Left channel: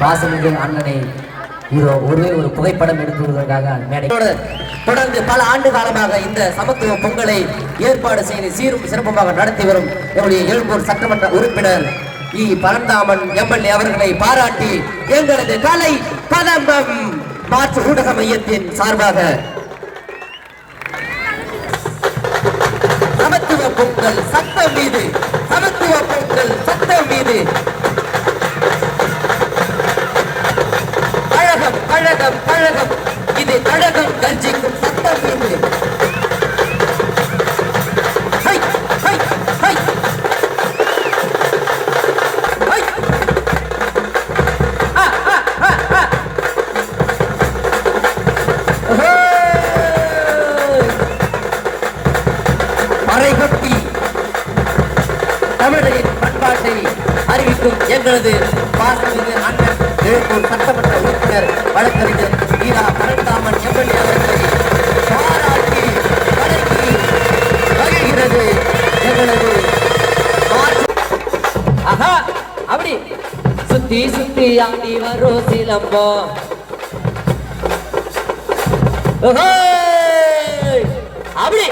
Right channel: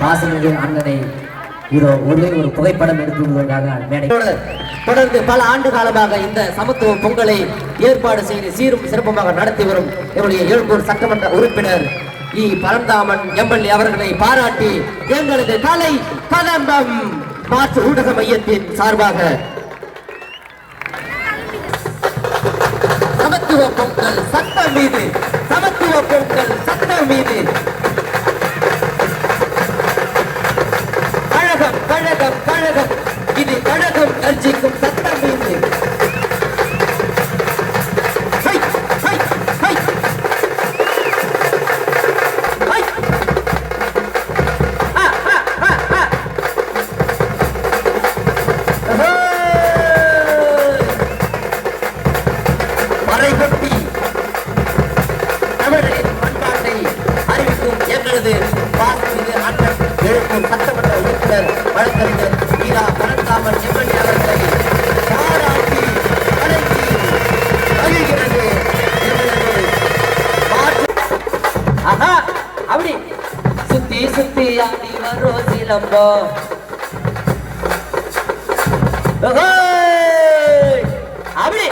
பாசமிகு அண்ணனை இதோ ஒரே ஒரு புகைப்படம் எடுத்துவதற்காக தொடர்ந்து பல ஆண்டு காலமாக இந்த சமத்துவ பொங்கலை ஏற்பாடு செய்து சீரும் சிறப்புமாக நடத்தி வரும் என்னுடைய எழுப்பூர் சட்டமன்ற உறுப்பினர் இ. பரந்தாமன் எம்எல்ஏ அவர்களை பாராட்டி எங்களது கலை கதம்பம் மாற்று ஊடக மையத்தின் சார்பாக சமத்துவ பொங்கல் சட்டம் மீது சமத்துவ பொங்கல் சட்டம் மீது கழகம் கழகம் இது அழகம் மறைகட்டி. சத்தம் பண்பாட்டை அறிவிக்கும் எங்களது பாசமிகு அண்ணன் எழுப்பும் சட்டமன்ற வரும் அப்படி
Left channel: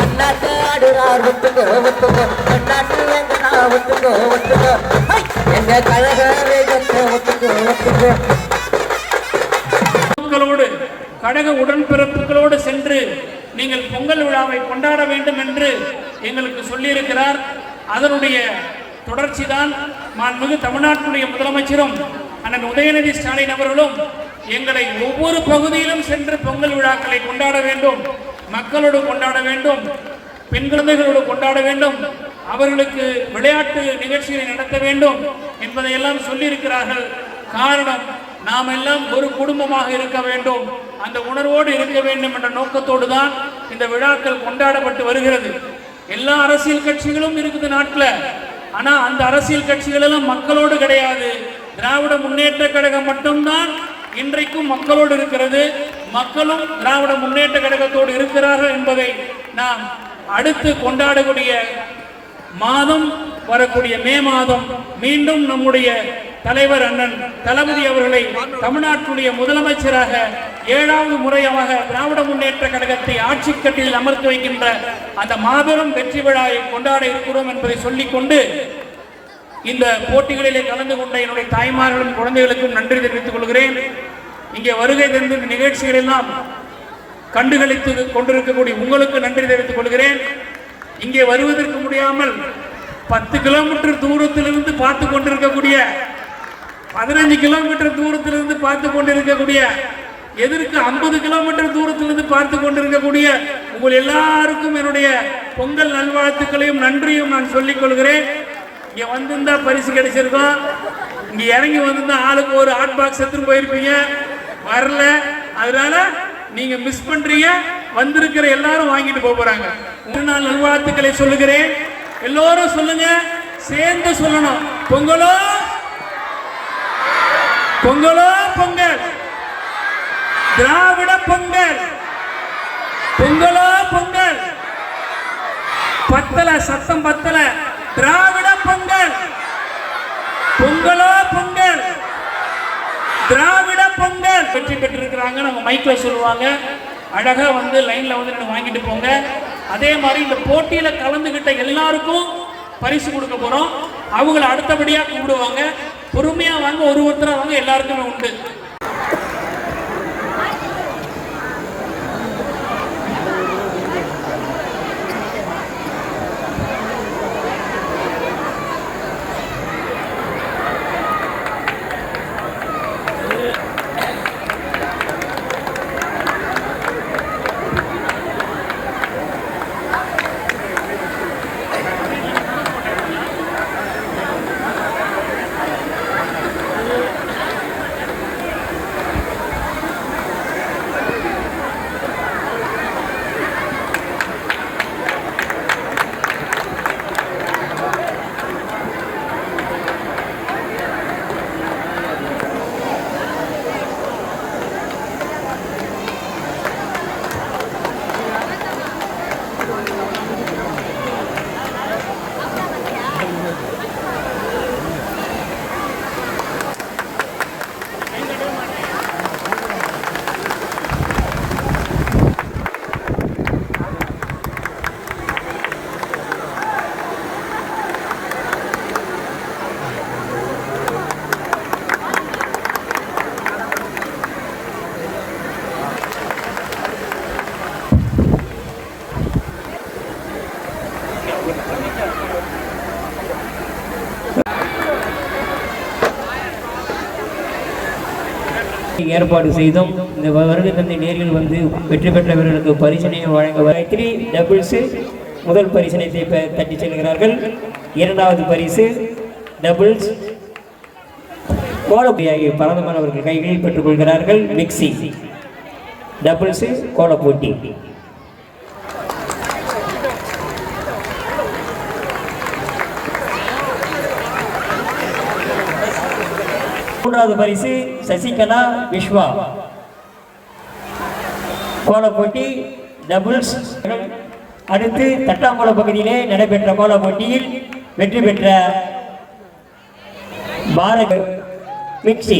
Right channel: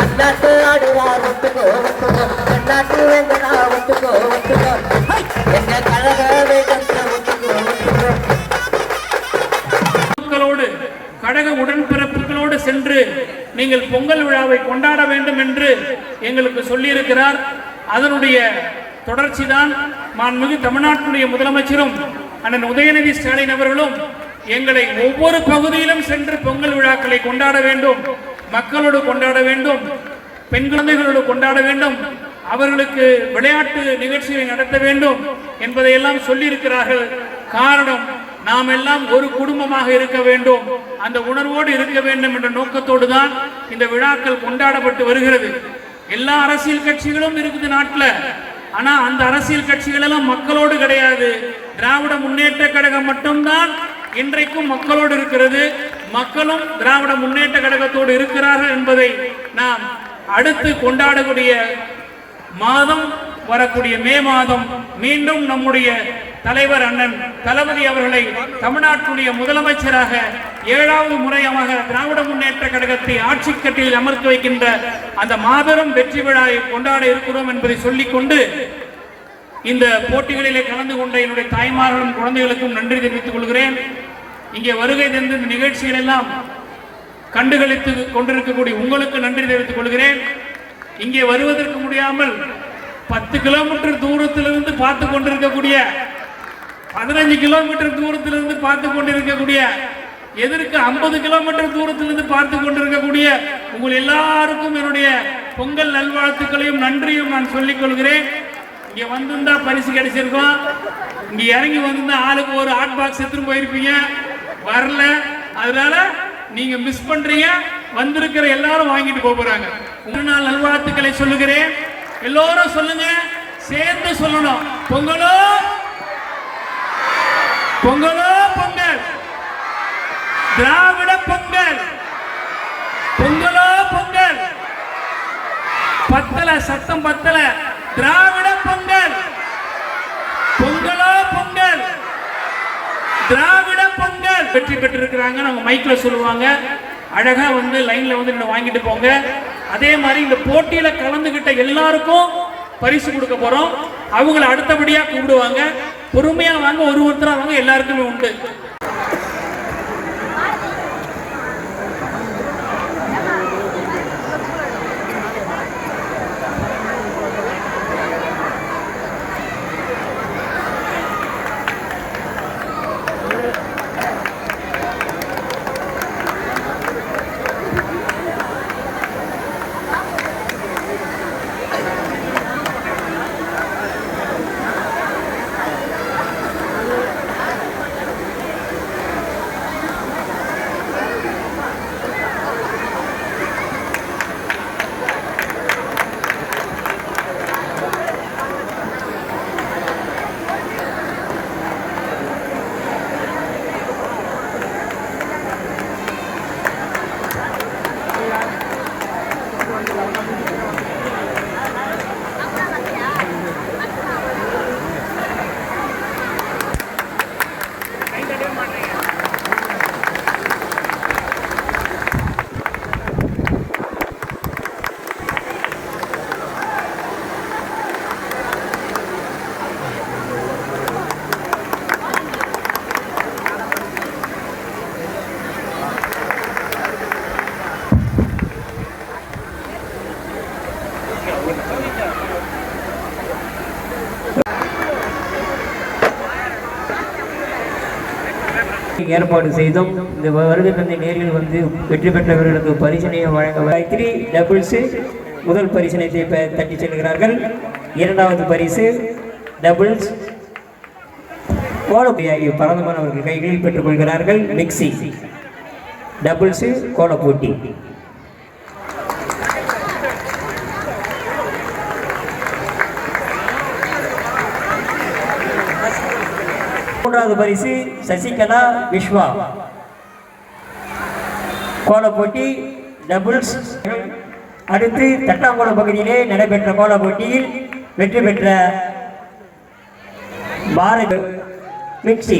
அண்ணாட்டு ஆடுறார் விட்டுங்க விட்டுங்க அண்ணாட்டு விட்டுங்க விட்டுங்க எங்க கழக கழக உடன்பிறப்புகளோடு சென்று நீங்கள் பொங்கல் விழாவை கொண்டாட வேண்டும் என்று எங்களுக்கு சொல்லியிருக்கிறார். அதனுடைய தொடர்ச்சிதான் மாண்புமிகு தமிழ்நாட்டுடைய முதலமைச்சரும் அண்ணன் உதயநிதி ஸ்டாலின் அவர்களும் எங்களை ஒவ்வொரு பகுதியிலும் சென்று பொங்கல் விழாக்களை கொண்டாட வேண்டும் மக்களோடு கொண்டாட வேண்டும் பெண் குழந்தைகளோடு கொண்டாட வேண்டும் அவர்களுக்கு விளையாட்டு நிகழ்ச்சிகளை நடத்த வேண்டும் என்பதையெல்லாம் சொல்லியிருக்கிறார்கள். காரணம் நாம் எல்லாம் ஒரு குடும்பமாக இருக்க வேண்டும் அந்த உணர்வோடு இருக்க வேண்டும் என்ற நோக்கத்தோடு தான் இந்த விழாக்கள் கொண்டாடப்பட்டு வருகிறது. எல்லா அரசியல் கட்சிகளும் இருக்குது நாட்டில். ஆனா அந்த அரசியல் கட்சிகள் எல்லாம் மக்களோடு கிடையாது. திராவிட முன்னேற்ற கழகம் மட்டும்தான் இன்றைக்கும் மக்களோடு இருக்கிறது. மக்களும் திராவிட முன்னேற்ற கழகத்தோடு இருக்கிறார்கள் என்பதை நாம் அடுத்து கொண்டாடக்கூடிய மாதம் வரக்கூடிய மே மாதம் மீண்டும் நம்முடைய தலைவர் அண்ணன் தளபதி அவர்களை தமிழ்நாட்டுடைய முதலமைச்சராக ஏழாவது முறையாக திராவிட முன்னேற்ற கழகத்தை ஆட்சி கட்டில் அமர்த்து வைக்கின்ற அந்த மாபெரும் வெற்றி விழாவை கொண்டாட இருக்கிறோம் என்பதை சொல்லிக்கொண்டு இந்த போட்டிகளிலே கலந்து கொண்ட என்னுடைய தாய்மார்களும் குழந்தைகளுக்கும் நன்றி தெரிவித்துக் கொள்கிறேன். இங்கே வருகை தந்த நிகழ்ச்சிகள் எல்லாம் கண்டுகளித்து கொண்டிருக்கக்கூடிய உங்களுக்கு நன்றி தெரிவித்துக் கொள்கிறேன். இங்கே வருவதற்கு முடியாமல் பத்து கிலோமீட்டர் தூரத்திலிருந்து பார்த்து கொண்டிருக்கக்கூடிய பதினஞ்சு கிலோமீட்டர் தூரத்திலிருந்து பார்த்து கொண்டிருக்கக்கூடிய எதற்கு ஐம்பது கிலோமீட்டர் தூரத்திலிருந்து பார்த்து கொண்டிருக்கக்கூடிய உங்கள் எல்லாருக்கும் என்னுடைய பொங்கல் நல்வாழ்த்துக்களையும் நன்றியும் நான் சொல்லிக் கொள்கிறேன். இங்க வந்திருந்தா பரிசு கிடைச்சிருக்கோம் இங்க இறங்கி வந்திருந்தா ஆளுக்கு ஒரு ஹாட் பாக்ஸ் எடுத்துட்டு போயிருப்பீங்க. வரல. அதனால நீங்க மிஸ் பண்றீங்க. வந்திருக்கிற எல்லாரும் வாங்கிட்டு போக போறாங்க. உங்க நான் நல்வாழ்த்துக்களை சொல்லுகிறேன். எல்லோரும் சொல்லுங்க. சேர்ந்து சொல்லணும். பொங்கலோ பொங்கலோ பொங்கல்? திராவிட பொங்கல். பொங்கலோ பொங்கல். பத்தல சத்தம் பத்தல. திராவிட பொங்கல். பொங்கலோ பொங்கல். திராவிட பொங்கல். வெற்றி பெற்றிருக்கிறாங்க நம்ம மைக்ல சொல்லுவாங்க. அழகா வந்து லைன்ல வந்து நின்னு வாங்கிட்டு போங்க. அதே மாதிரி இந்த போட்டியில கலந்துகிட்ட எல்லாருக்கும் பரிசு கொடுக்க போறோம். அவங்கள அடுத்தபடியா கூப்பிடுவாங்க. பொறுமையா வாங்க ஒரு ஒருத்தராக வாங்க எல்லாருக்குமே உண்டு. ஏற்பாடு செய்தோம் இந்த வருகை தந்தை நேரில் வந்து வெற்றி பெற்றவர்களுக்கு பரிசனையும் வழங்க த்ரீ டபுள்ஸு முதல் பரிசனை தட்டி தட்டிச் செல்கிறார்கள். இரண்டாவது பரிசு டபுள்ஸ் கோலப்பி ஆகிய பரதமானவர்கள் கைகளில் பெற்றுக்கொள்கிறார்கள். மிக்சி டபுள்ஸு கோலப்போட்டி. மூன்றாவது பரிசு சசிகலா விஸ்வா கோல போட்டி டபுள்ஸ். அடுத்து தட்டாங்குளம் பகுதியிலே நடைபெற்ற கோல போட்டியில் வெற்றி பெற்ற பாரத் மிக்சி.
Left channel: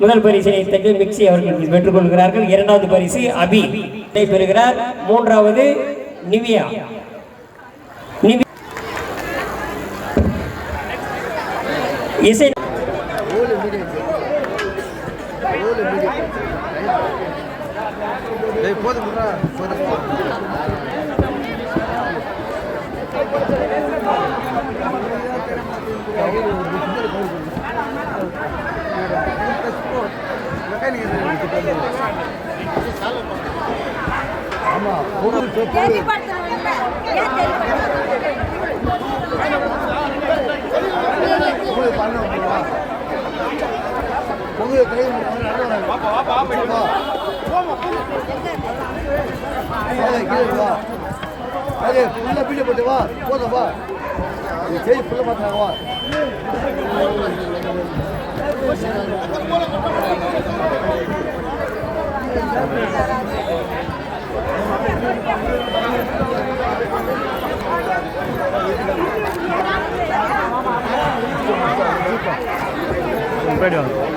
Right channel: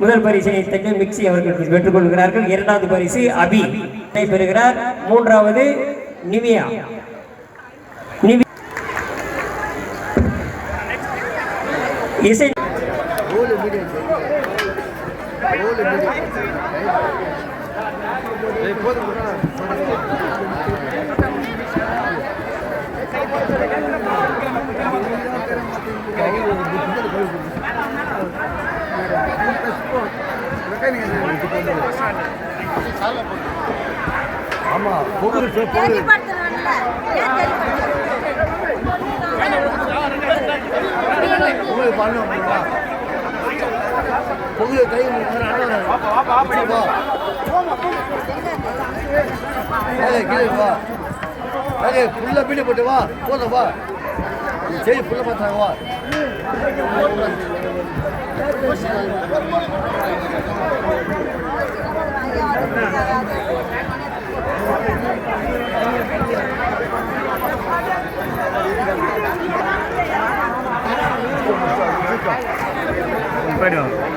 முதல் பரிசினை தட்டி மிக்சி அவர்கள் பெற்றுக் கொள்கிறார்கள். இரண்டாவது பரிசு அபி பெறுகிறார். மூன்றாவது நிவியா. இசை தெரியப்படுத்தணும்ல ஏன் அதே புள்ள பீடி 赶紧回来吧！赶紧，不能不回来吧？说什么？谁不让他回来吧？不行，快点。